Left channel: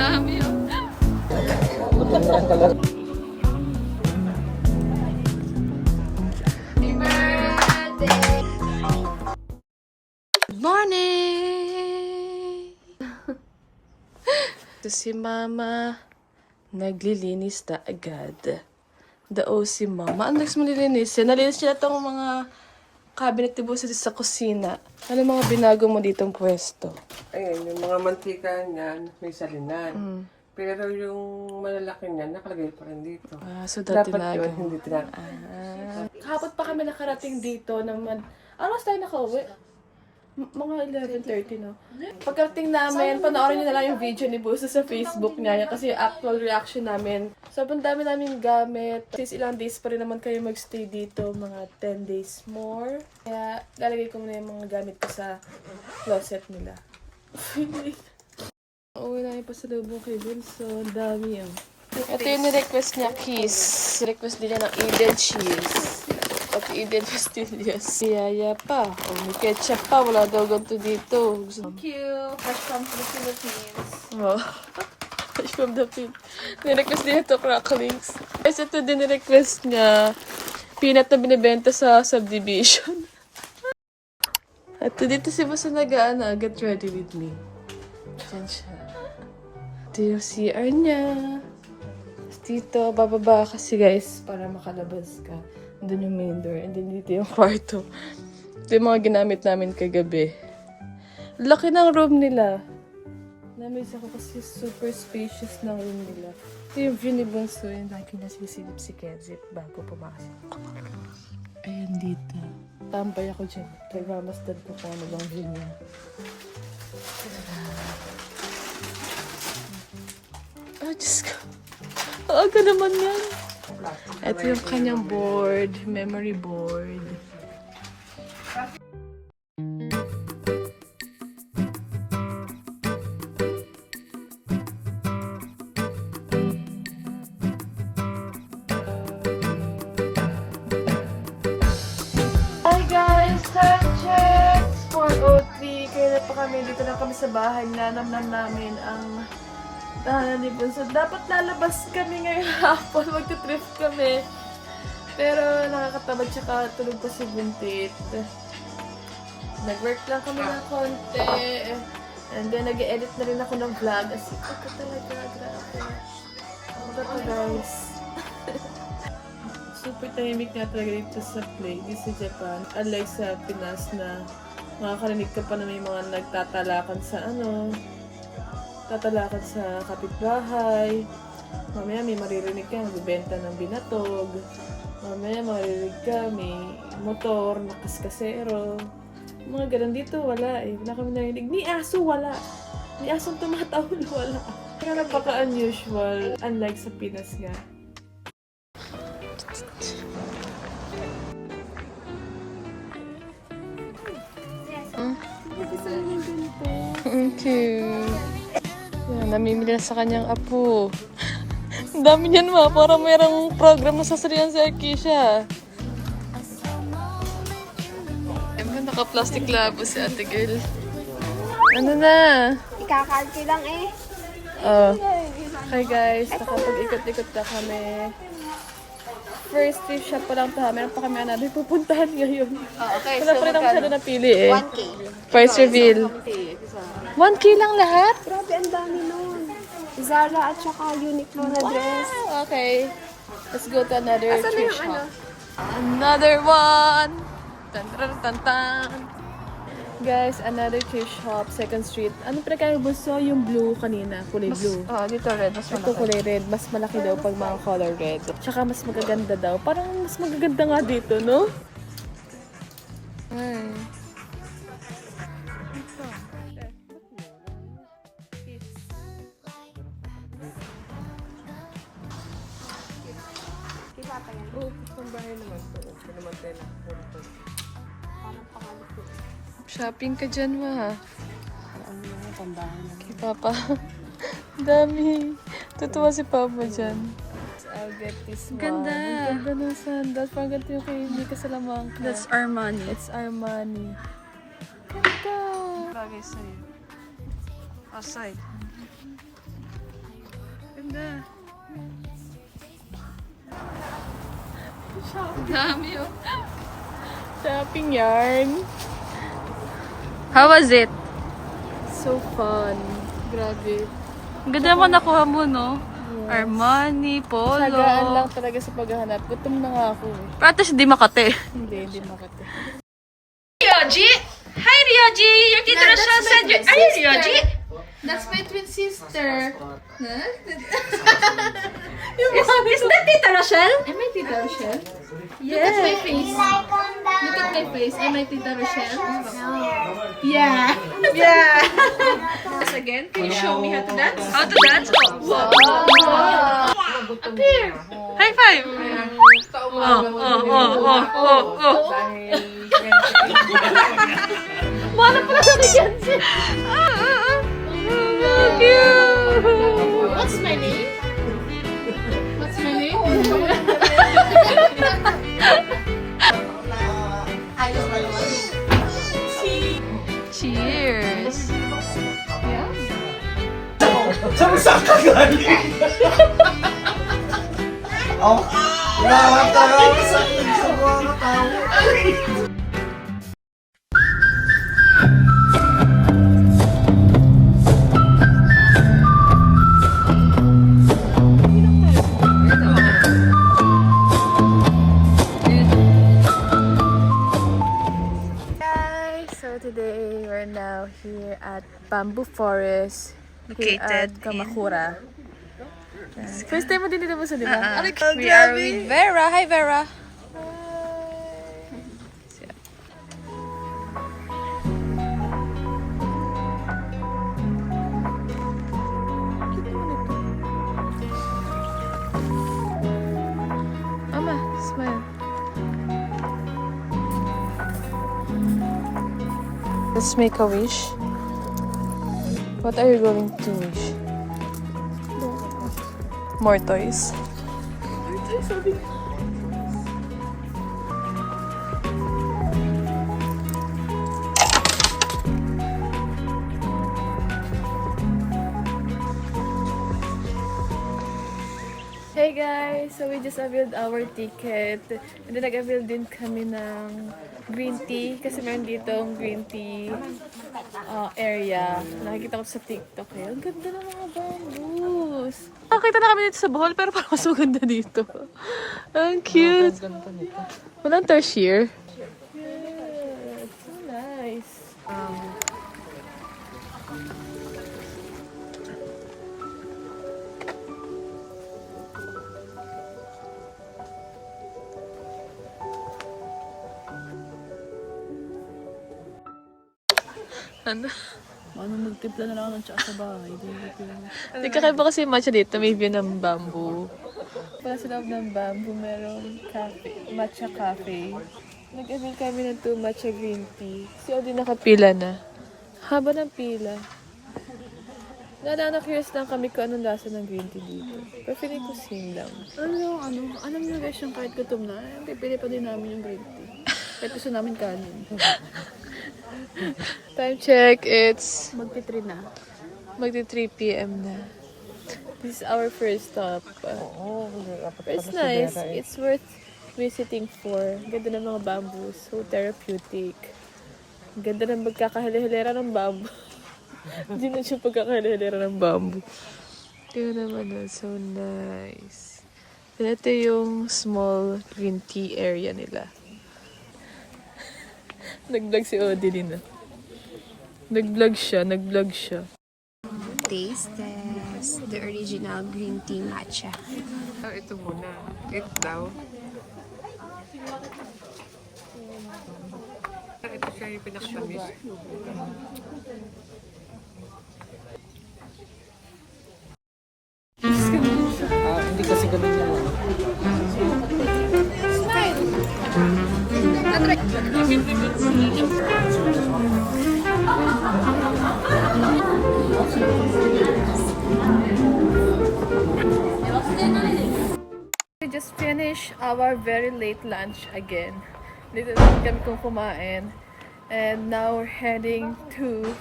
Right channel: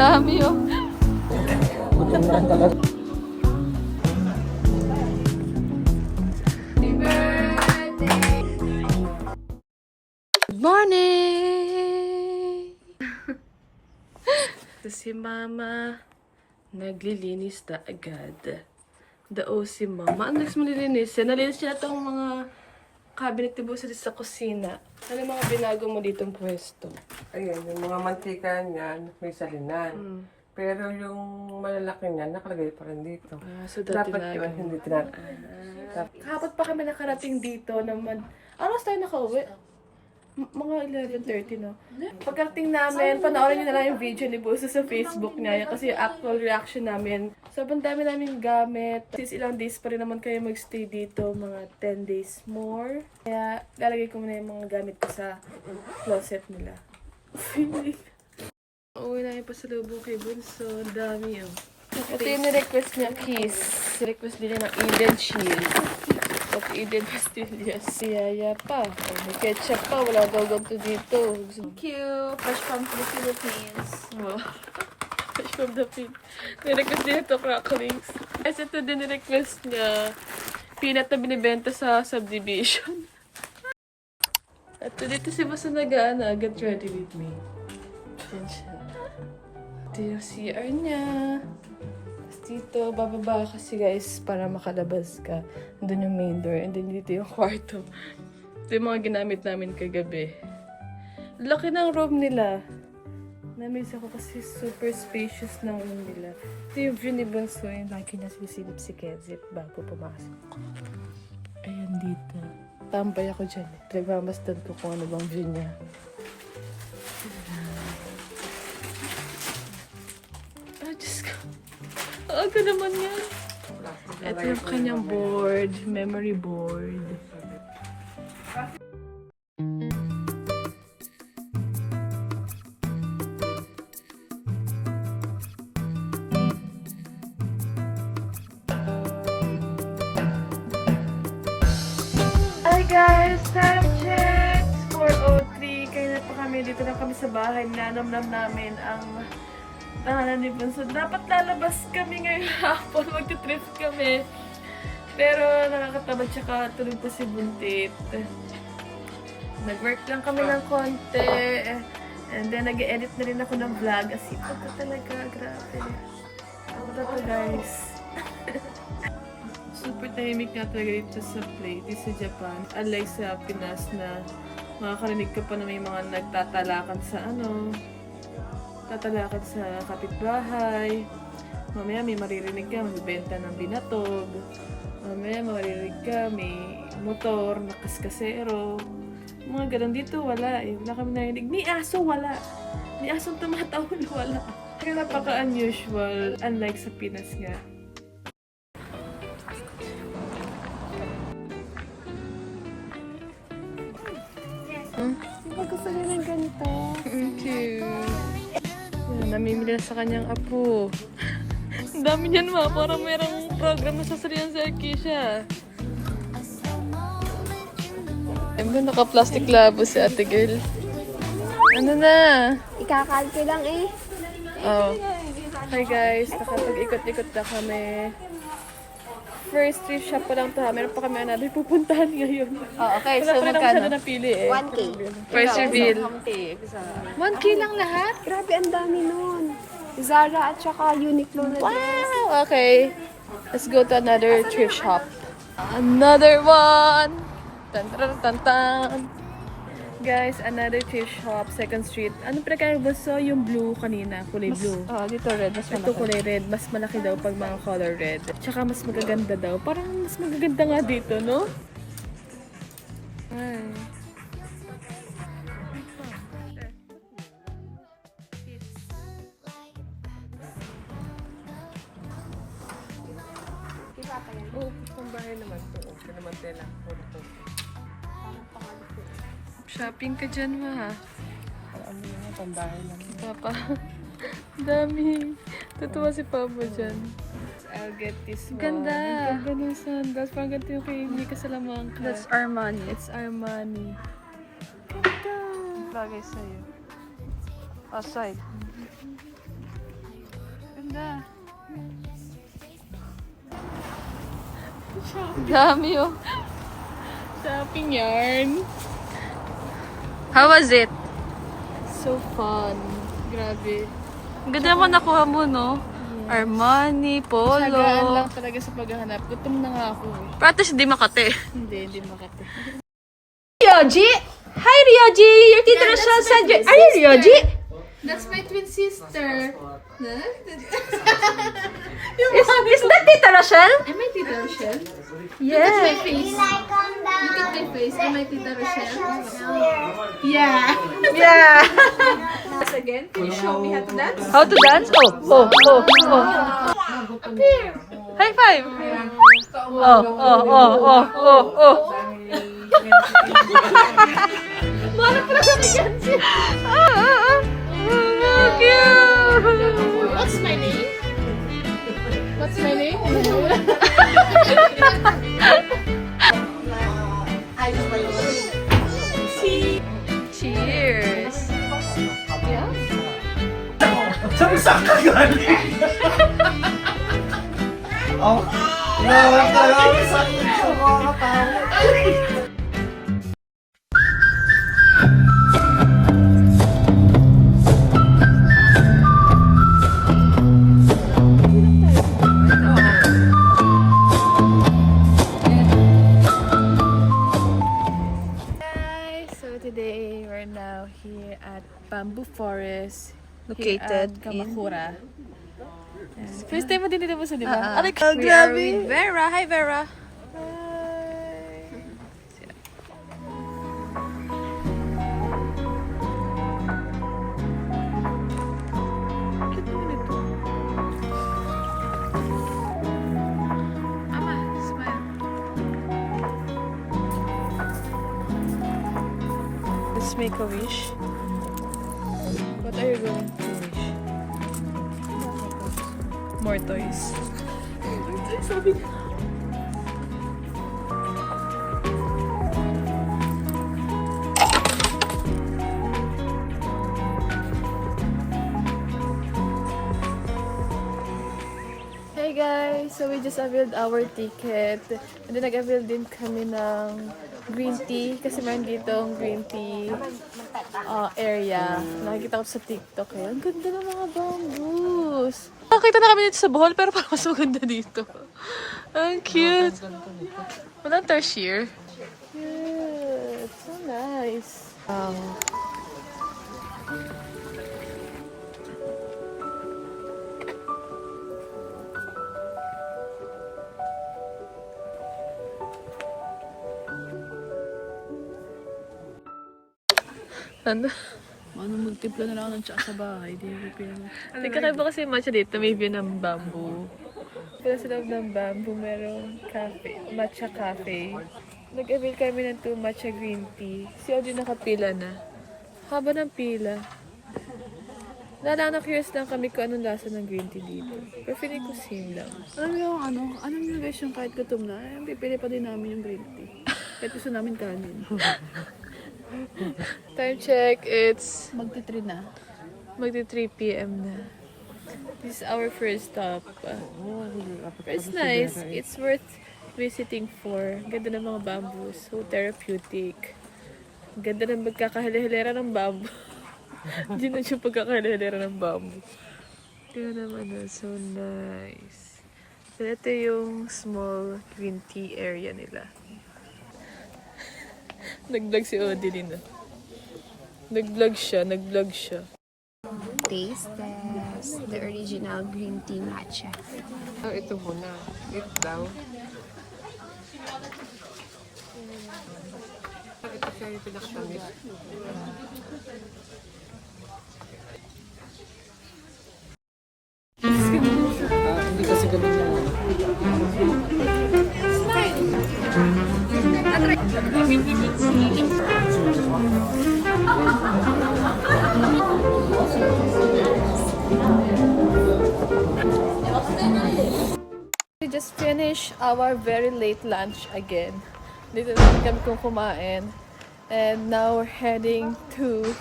Dami yun. Good morning! Ito si Mama. Naglilinis na agad. Dao si Mama. Ano next mo nilinis? Nalinis niya itong mga cabinet ni Busa sa kusina. Ano mga binago mo ditong pwesto? Ayun, yung mga mantika niyan, may salinan. Pero yung malalaki niyan, nakalagay pa rin dito. So dati Dapat yun, hindi tinatapos. Kahapon pa kami nakarating dito naman. Ano tayo nakauwi? Mga 11:30 na. Pagkarating namin, panoorin niyo na lang yung video ni Busa sa Facebook niya. Kasi yung actual reaction namin. Sobrang dami namin gamit. Since ilang days pa rin naman kayo magstay dito, mga 10 days more. Kaya lalagay ko muna yung mga gamit ko sa closet nila. Uwi na yung pasalubong kay Bunso. Ang dami yun. Ito yung ni-request niya, kiss. Request nila ng Eden cheese. At Eden pastillas. Siyaya pa. Oh, may ketchup pa. Wala daw ganito dito. Thank you. Fresh from the Philippines. Oh. Fresh from the pig. Ni-request din ito, cracklings. Guys, ito din ni-request niya. Peanut na binibenta sa subdivision. Ito dito si Basa nag-aana. Get ready with me. Diyan siya. Ito yung CR niya. Dito, bababa kasi guys, para makalabas ka. Doon yung main door, and then dito yung kwarto. Ito yung mga ginamit namin kagabi. Laki ng room nila. Namiss ako kasi super spacious ng room nila. Ito yung view ni Bunso, yung lagi nasisilip si Kedzip bago pumasok. Ayan dito. Tambay ako dyan. Nagmamasdan ko kung ano bang view niya. Ah, Diyos ko. Aga naman yan. Ito yung kanyang board. Memory board. Hi guys! Time check! 4:03. Kaya na pa kami. Dito na kami sa bahay. Nanamnam namin ang tahanan ni Bunso. Dapat lalabas kami ngayong hapon. Magti-trip kami. Pero nakakatabad tsaka tulog pa si Buntit. Nag-work lang kami ng konti. And then nag-edit na rin ako ng vlog. Asipag ko talaga. Grabe. Ako na to guys. Super tahimik nga talaga dito sa play. Dito sa Japan. Unlike sa Pinas na makakarinig ka pa na may mga nagtatalakan sa tatalakan sa kapitbahay. Mamaya may maririnig ka, magbibenta ng binatog. Mamaya maririnig ka, may motor, nakaskasero. Mga ganun dito, wala eh. Wala kami narinig. Ni aso, wala. Ni asong tumatawal, wala. Kaya napaka-unusual, unlike sa Pinas nga. Gusto mo ng ganito? Thank you. Yan, namimili na sa kanyang apo. Ang dami niyan ma, parang mayroong program na sasarihan sa Arkisha. Ayun ba, naka-plastic labo si Ate Girl. Ano na? Ikakalki lang eh. Oh. Hi guys, nakapag-ikot-ikot na kami. First thrift shop pa lang to ha. Meron pa kami namin pupuntahan ngayon. Okay. Wala pa rin ako masyado napili eh. 1K. Price reveal. 1K lang lahat? Grabe, ang dami nun. Zara at saka Uniqlo na dress. Wow! Okay. Let's go to another thrift shop. Another one! Tan tan tan tan. Guys, another thrift shop, 2nd Street. Ano pinagkaya Bunso? Yung blue kanina, kulay blue. Dito red. Mas Ito kulay red, mas malaki daw pag mga color red. Tsaka mas magaganda daw. Parang mas magaganda nga dito, no? Ay. Oo, pambahay naman to. Okay naman tela. Shopping ka dyan, ma. Ano yung pambahay lang. Si Papa. Dami. Tutuwa si Papa dyan. I'll get this one. Ganda. Ang ganda ng sandals. Parang ganito yung kay Mika Salamanca. That's Armani. It's Armani. Ganda. Bagay sa'yo. Aside. Ganda. Dami oh. Shopping yarn. How was it? So fun. Grabe. Ganda mo nakuha mo, no? Armani, Polo. Sagaan lang talaga sa paghahanap. Gutom na nga ako. Practice di Makati. Hindi makati. Ryoji! Hi, Ryoji! Your Tita Rochelle said you... Are you Ryoji? That's my twin sister. Is that Tita Rochelle? Am I Tita Rochelle? Yes. My face. Look at my face. Am I Tita Rochelle? Yeah. Yeah. Once again, can you show me how to dance? How to dance? Oh. Appear. High five! Oh. Wala pala sa Jansi. Cute! What's my name? What's my name? Cheers! Yeah. Saan mo saan ka galing? Oh, naman talaga sa akin sa mga tao. Guys, so today we're now here at Bamboo Forest. Located here at Kamakura. First time mo din dito sa diba? We are with Vera. Hi, Vera. Cute naman ito. Ama, smile. Let's make a wish. What are you going to wish? More toys. Hey guys! So we just availed our ticket. And then nag-avail din kami ng green tea. Kasi meron dito ang green tea area. Nakikita ko sa TikTok eh. Ang ganda ng mga bamboos. Nakita na kami dito sa Bohol, pero parang mas maganda dito. Ang cute. Walang tertiary. Yeah, it's so nice. Ano? Ano, multipla na lang ako ng tsaka sa bahay. Hindi kakaiba kasi yung matcha dito. May view ng bamboo. Wala sa loob ng bamboo, merong cafe, matcha cafe. Nag-avail kami ng 2 matcha green tea. Si Audrey nakapila na. Haba ng pila. Na-curious lang kami kung anong lasa ng green tea dito. Pero feeling ko same lang. Alam niyo guys, yung kahit gutom na, pipili pa din namin yung green tea. Kahit gusto namin kanin. Time check. It's Magti-3 na. magti 3 p.m. na. This is our first stop. It's nice. It's worth visiting for. Ganda ng mga bamboos. So therapeutic. Ganda ng pagkakahilera ng bamboo. Hindi na siya pagkakahilera ng bamboo. Tingnan naman na. So nice. So, ito yung small green tea area nila. Nag-vlog si Odilyn na. Nag-vlog siya. Taste test. The original green tea matcha. Oh, ito muna. Ito daw. Ito siya yung pinakatamis. Hindi kasi ganun yung ano. We just finished our very late lunch again. Dito lang kami kung kumain. And now we're heading to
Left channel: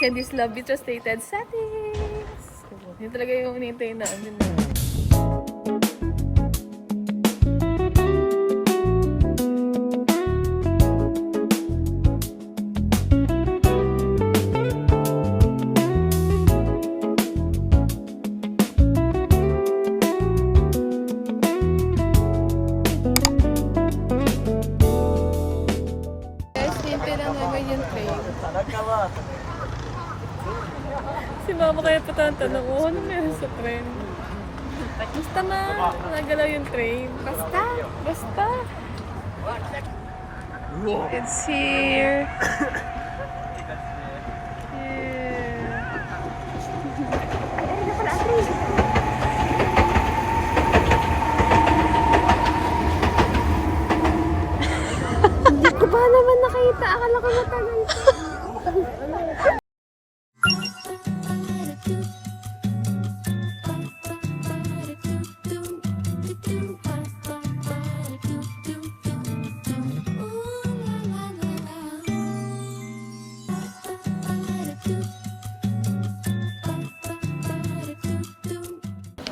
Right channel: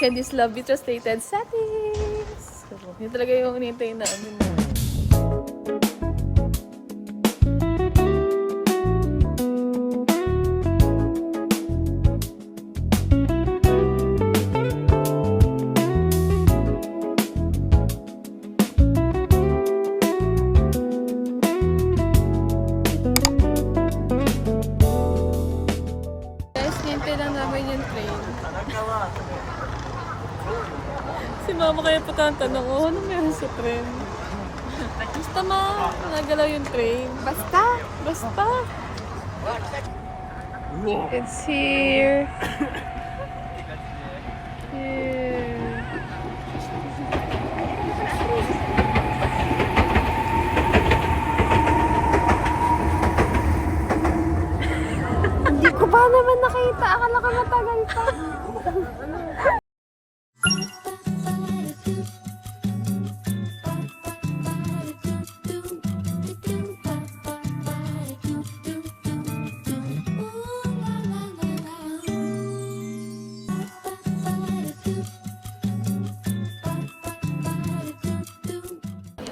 Candy's Love Beach Stated settings. Yun talaga yung hinihintay namin. Guys, hinihintay lang namin yung train. Si mama kaya pa tanong, oh, ano meron sa train? Basta nagalaw yung train. Basta. Basta. It's here. Here. Hindi ko ba naman nakita? Akala ko matagal pa.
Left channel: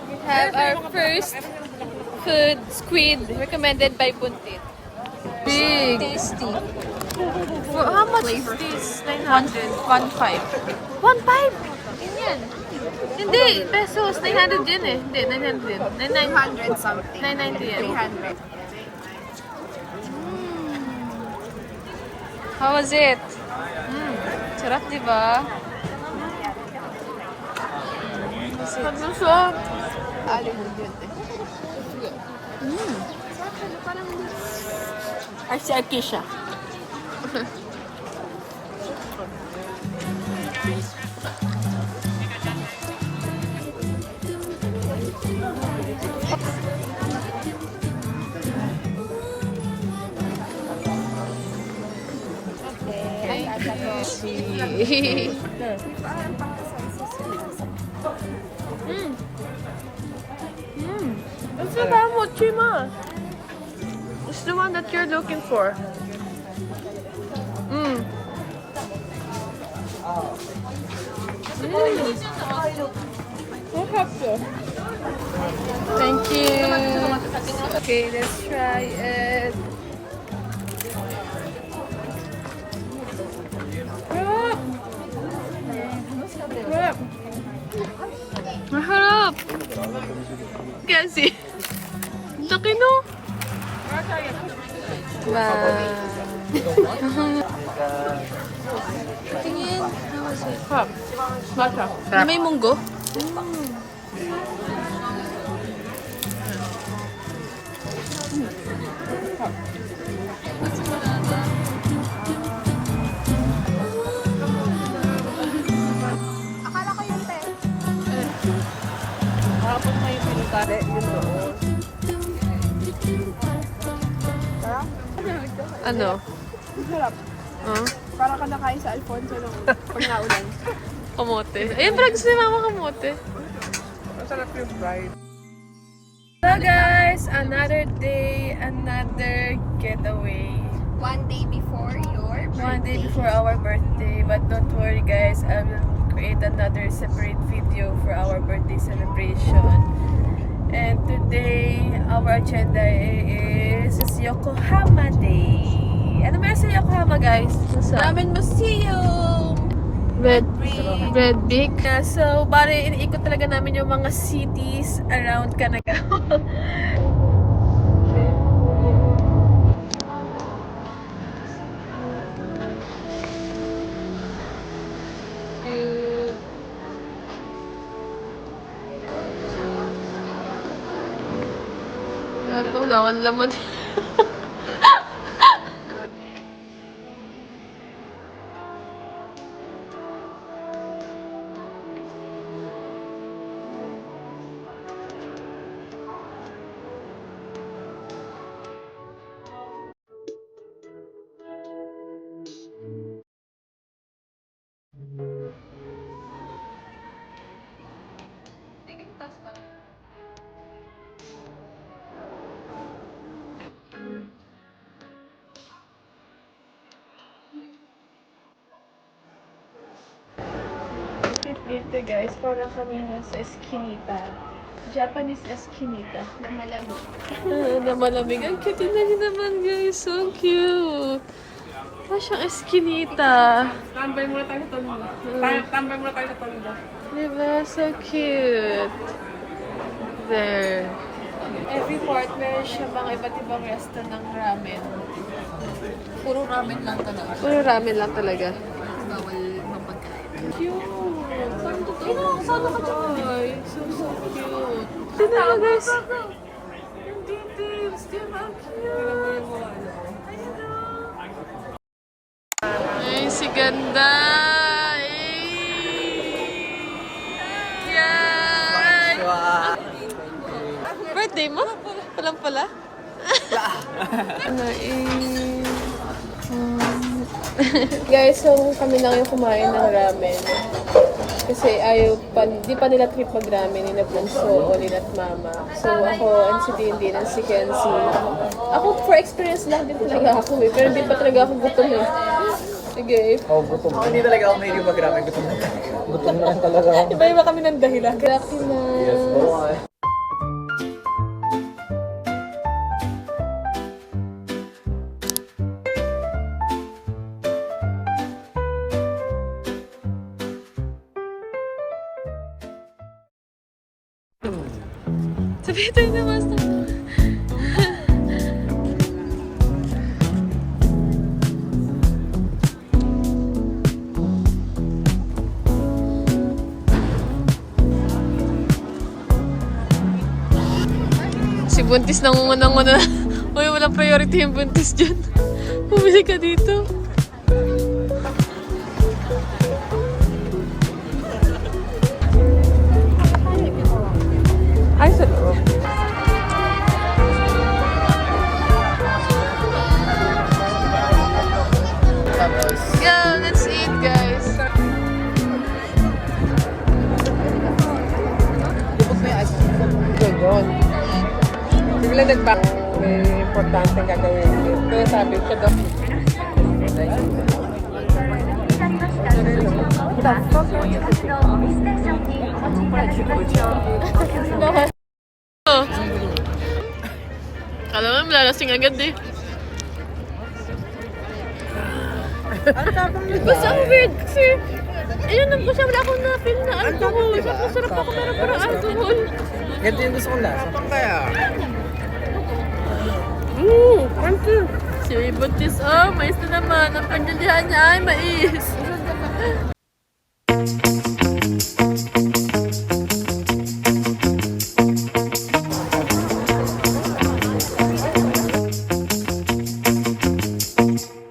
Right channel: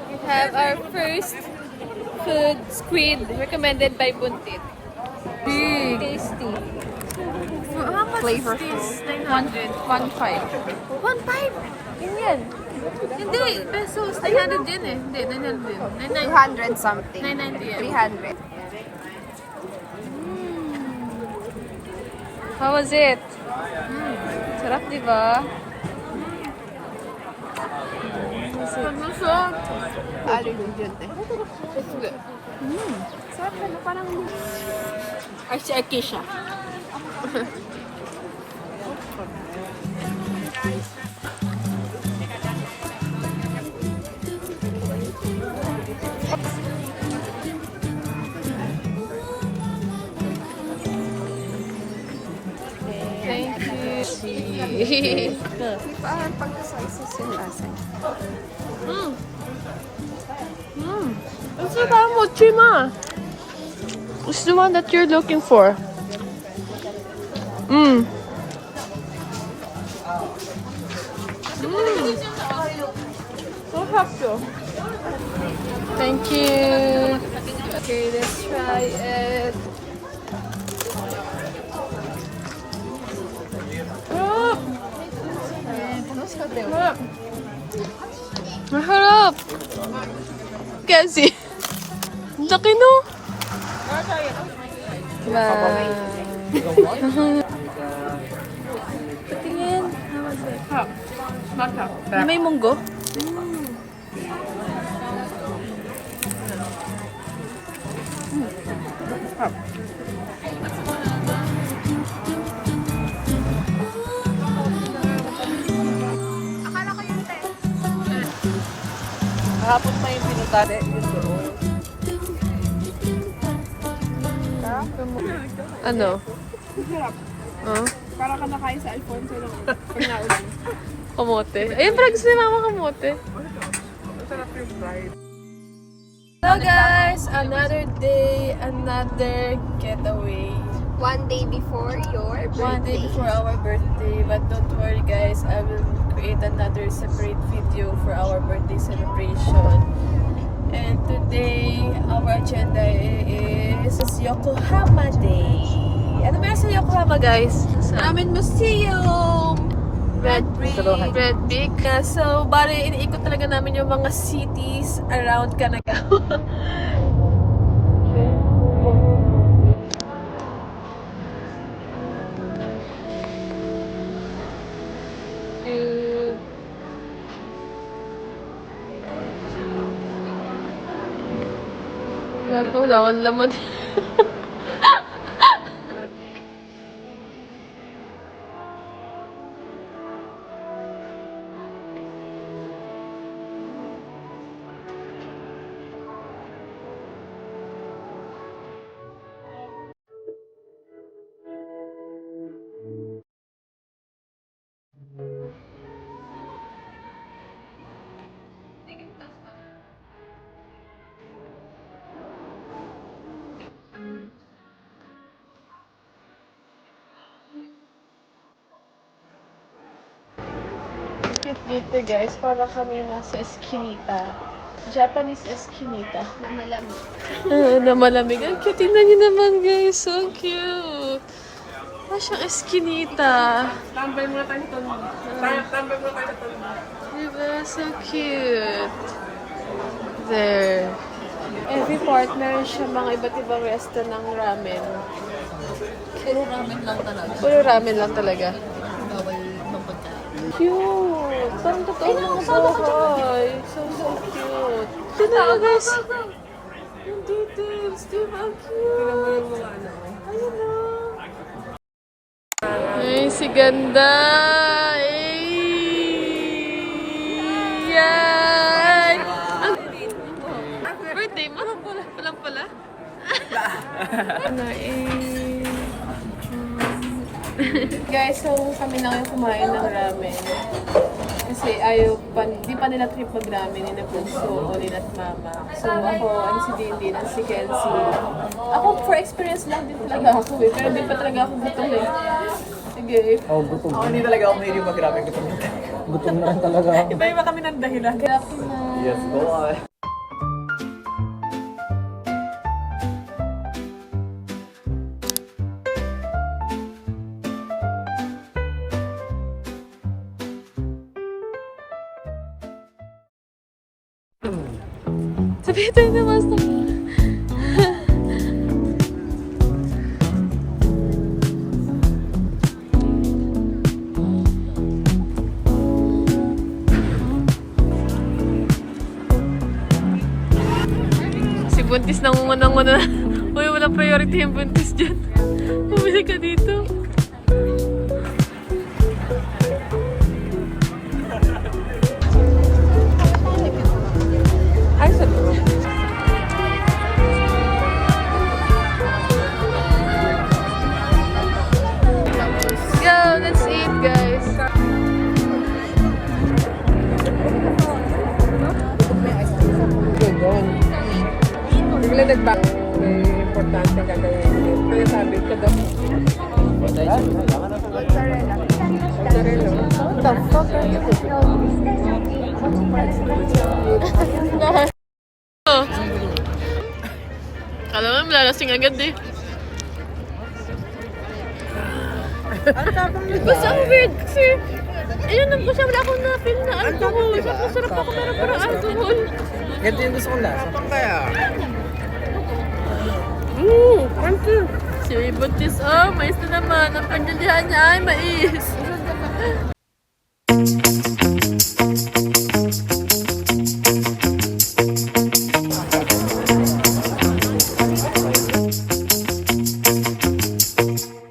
We have our first food, squid, recommended by Buntit. Big. Tasty. For how much is this? 900. 1.5. 1.5? Ganyan. Hindi, pesos. 900 din eh. Hindi, 900 din. 200 something. 990 yan. 300. How was it? Sarap, di ba? Pag-usok. Si Arkisha. Thank you. It's the one mochi, ma. It's the one that you're looking for. Thank you. Okay, let's try it. Harap. Harap. Maharap. Kasi. Ang laki no? Patingin. How was it? Na may munggo? Hapon na yung pinutado doon. Ano? Para ka nakain sa Alfonso nung pag naulan. Kamote. Ayun, parang gusto ni mama kamote. Masarap yung fried. So guys, another day, another getaway. One day before your birthday. One day before our birthday. But don't worry guys, I will create another separate video for our birthday celebration. And today, our agenda is Yokohama Day. Ano meron sa Yokohama guys? Ramen Museum! Red Brick. Red Brick. Yeah, so, bali, iniikot talaga namin yung mga cities around Kanagawa. Gato, lawan laman. Dito guys, para kami nasa eskinita. Japanese eskinita. Na malamig. Na malamig. Ang cute. Tingnan niyo naman guys. So cute. Siyang eskinita. Tambay muna tayo sa tondo. Tambay muna tayo sa tondo. Diba? So cute. There. Every partner siya mga iba't ibang resto ng ramen. Puro ramen lang talaga. Puro ramen lang talaga. Bawal ibang pagkain. Cute. Parang totoo ng buhay. So cute. Tignan mo guys. Yung details. Diba? Cute. Ayun o. Ay, si ganda. Yan. Birthday mo? Walang pala? Guys, so kami lang yung kumain ng ramen. Kasi di pa nila trip mag-ramen ni Nabunso o ni Mama. So ako, and si Dindin, and si Kenzie. Ako, for experience lang din talaga ako eh. Pero hindi pa talaga ako gutom eh. Sige. Hindi talaga ako medyo mag-ramen. Gutom na talaga ako. Iba-iba kami ng dahilan. Grabe na. Yes, go on. Sabi tayo na master. Si Buntis nangungunang-una. Uy, walang priority yung Buntis dyan. Bumili ka dito. Go, let's eat, guys. Doon. Bigla nagbang may importante gagawin. Kaya sabi ko daw. Oh. Kala mo, lalasing agad eh. Basta ang weird kasi ayun lang po siya, wala akong na-feel na alcohol. Masarap ako pero parang alcohol. Ganito yung gusto kong lasa. Pang kaya? Thank you. Si Buntis, oh, mais na naman. Ang pandidihan niya ay mais.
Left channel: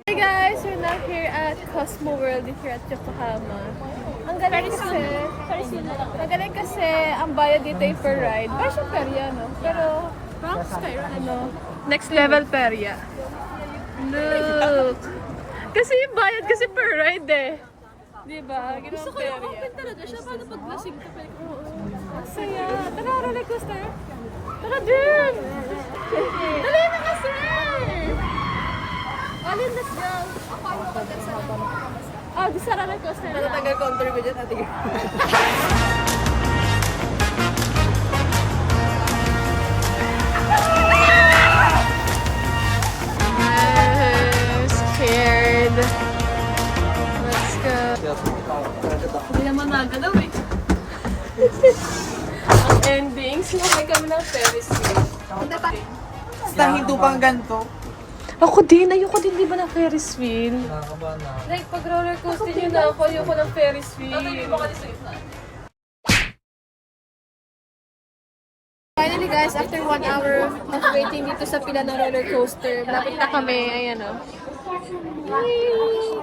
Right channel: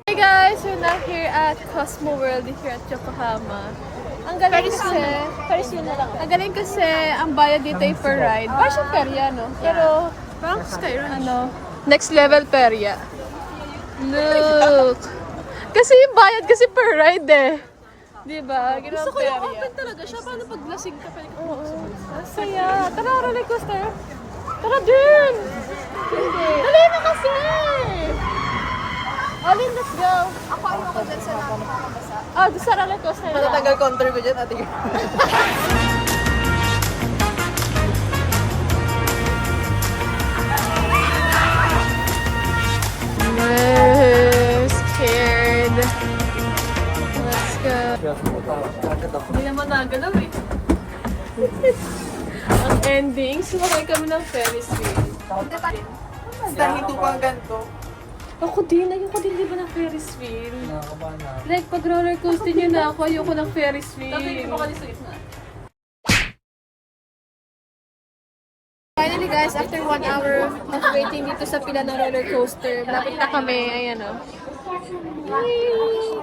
Hey guys, we're now here at Cosmo World here at Yokohama. Ang galing kasi, ang galing kasi ang bayad dito ay per ride. Parang siya perya, no? Pero, ano, next level perya. Look! Kasi yung bayad kasi per ride eh. Diba? Ganun ang perya. Gusto ko talaga siya. Paano pag lasing ka pa? Oo. Masaya. Tara, roller coaster. Tara din! Dali na kasi! Alin, let's go! Ako ano ko dyan sa nakakabasa. Ah, gusto roller coaster na lang. Tagal counter ko dyan, ate. Scared. Let's go. Hindi naman nagalaw eh. Ang ending, sumakay kami ng Ferris wheel. Basta hindi pang ganito. Ako din, ayoko din di ba ng Ferris wheel? Like, pag roller coaster nyo na ako, ayoko ng Ferris wheel. Finally guys, after 1 hour of waiting dito sa pila ng roller coaster, malapit na kami, ayan o.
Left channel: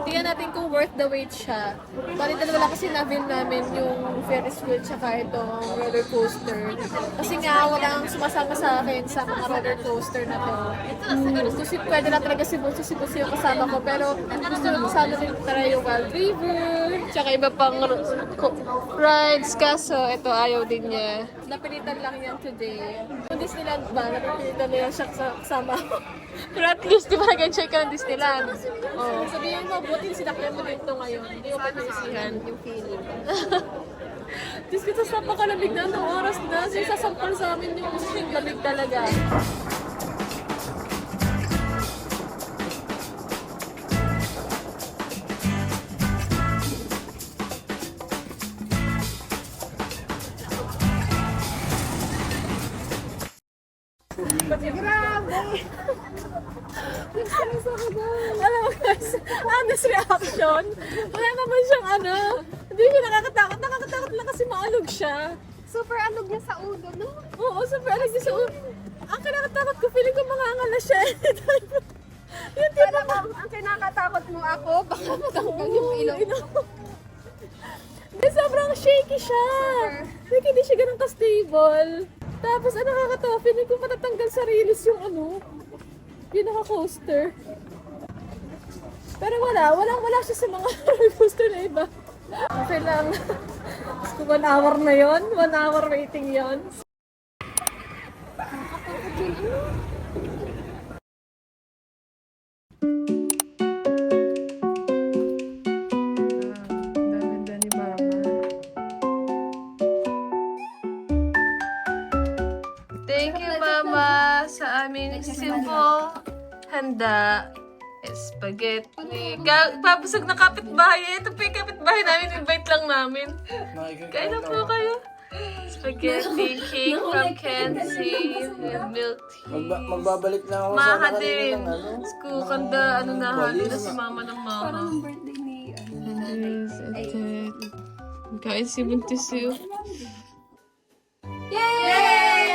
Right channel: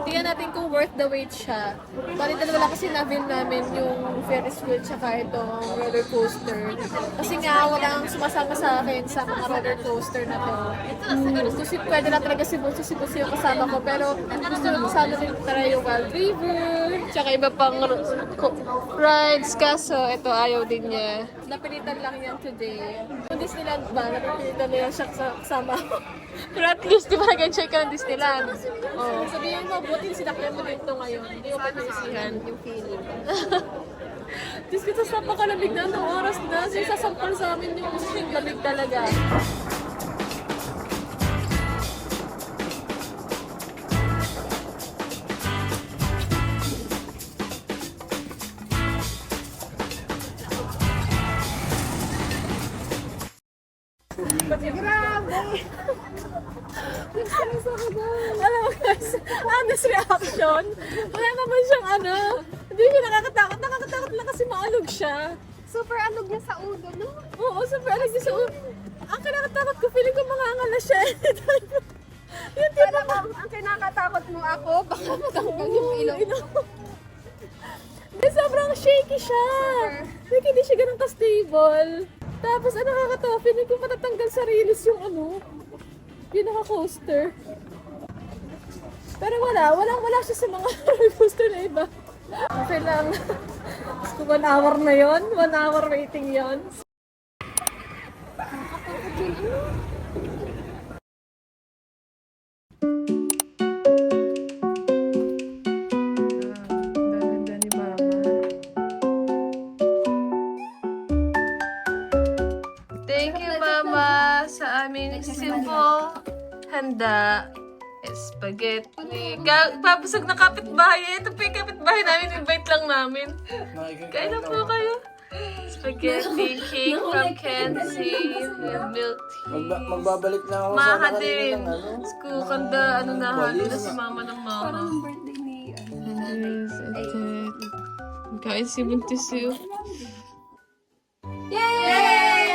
Tingnan natin kung worth the wait siya. Bali dalawa lang kasi na-win namin yung Ferris wheel tsaka itong roller coaster. Kasi nga walang sumasama sa akin sa mga roller coaster na to. Gusto pwede na talaga si Bunso yung kasama ko. Pero gusto ko sana rin try yung Wild River. Tsaka iba pang rides. Kaso ito ayaw din niya. Napilitan lang yan today. Kung Disneyland ba, napilitan na yan siya kasama ko. Pero at least di ba nag-enjoy ka ng Disneyland? Oh. Sabihin mo, buti sinakyan mo dito ngayon. Hindi ko pa naisihan yung feeling. Diyos ko, tas napakalamig na ng oras na. So, sasampal sa amin yung lamig talaga. Alam mo guys, honest reaction. Wala naman siyang ano. Hindi siya nakakatakot. Nakakatakot lang kasi maalog siya. Super alog niya sa ulo, no? Oo, super alog niya sa ulo. Ang kinakatakot ko, feeling ko mangangala siya. Yung tipo Pero ang kinakatakot mo ako, baka matanggal yung ilong ko. Hindi, sobrang shaky siya. Like, hindi siya ganun ka-stable. Tapos, ang nakakatawa, feeling ko matatanggal sa release yung ano, yung naka-coaster. Pero wala siya sa mga roller coaster na iba. Okay lang. So, 1 hour na yon, 1 hour waiting yon. Ganda ni Mama. Thank you, Mama, sa aming simple handa. Spaghetti. Papusog na kapitbahay. Ito po yung kapitbahay namin. Invite lang namin. Kain na po kayo. Spaghetti, cake from Kenzie, with milk tea. Magbabalik na ako sa Maha kanila din. ng ano. Kanda, ano na, halo na si Mama ng Mama. Parang birthday ni Yes, ito. Kain si Buntis yun. Yay!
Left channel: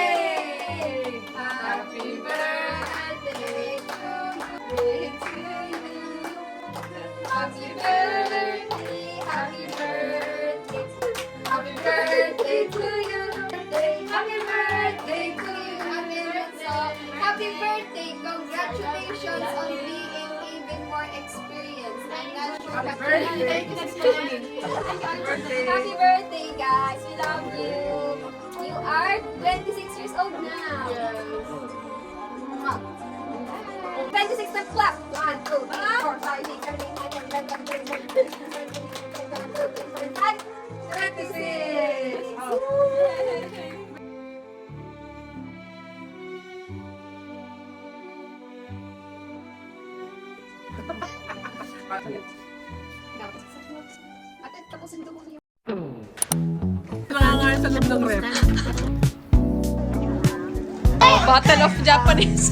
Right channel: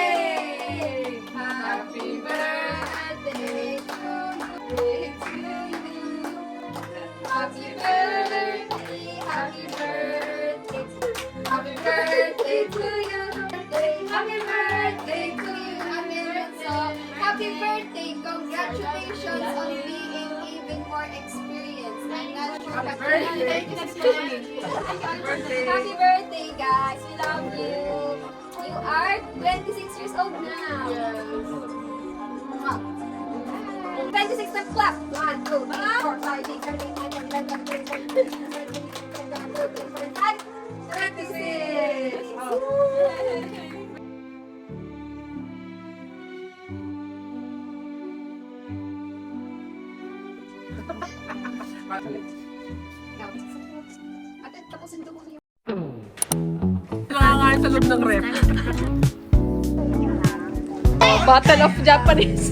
Happy birthday to you. Happy birthday, happy birthday, happy birthday to you. Happy birthday to you, Ate Renzo. Happy birthday, congratulations on being even more experienced. I'm not sure happy birthday. Happy birthday, guys. We love you. You are 26 years old now. 26 na clap. 1, 2, 3, 4, 5, 6, 7, 8, 9, 10, 11, 12, 13, 14, 15, 16. Ate, tapusin ko muna yung Nakakain sa loob ng rep. Battle of Japanese.